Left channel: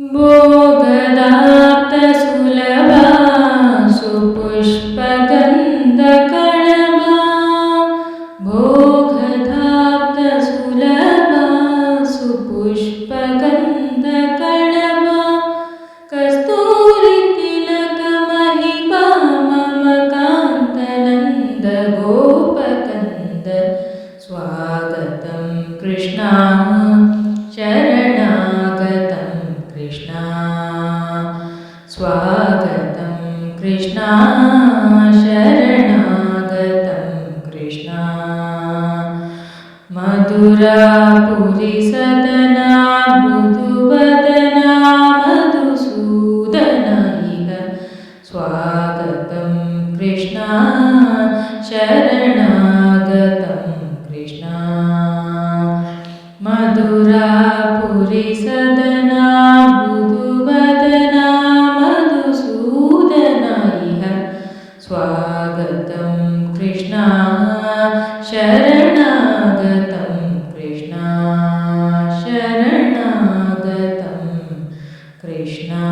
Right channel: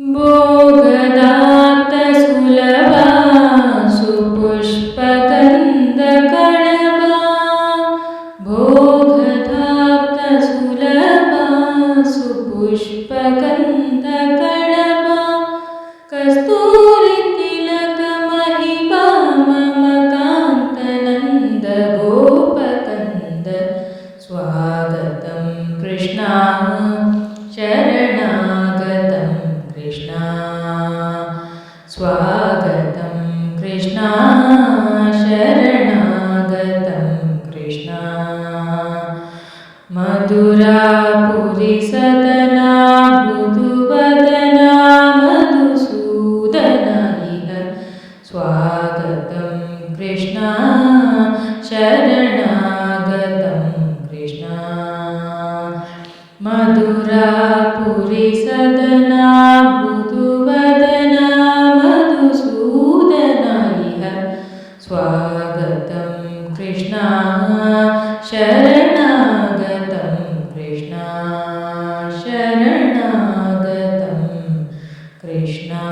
भोगदाप्तसुलभा सुपुष्पगन्धकणवा भोगदाप्तसुलभा सुपुष्पगन्धकणवा कस्तूरितिलकमहिमा मम कान्तनन्द गोपकन्द स्वागतं कृष्णा शरणागतं कृष्णा स्वागतं कृष्णा शरणागतं कृष्णा मधुरापुरीसदना मृदुवदना मधुसूदन इह स्वागतं कृष्णा शरणागतं कृष्णा मधुरापुरीसदना मृदुवदना मधुसूदन इह स्वागतं कृष्णा शरणागतं कृष्णा शरणागतं कृष्णा।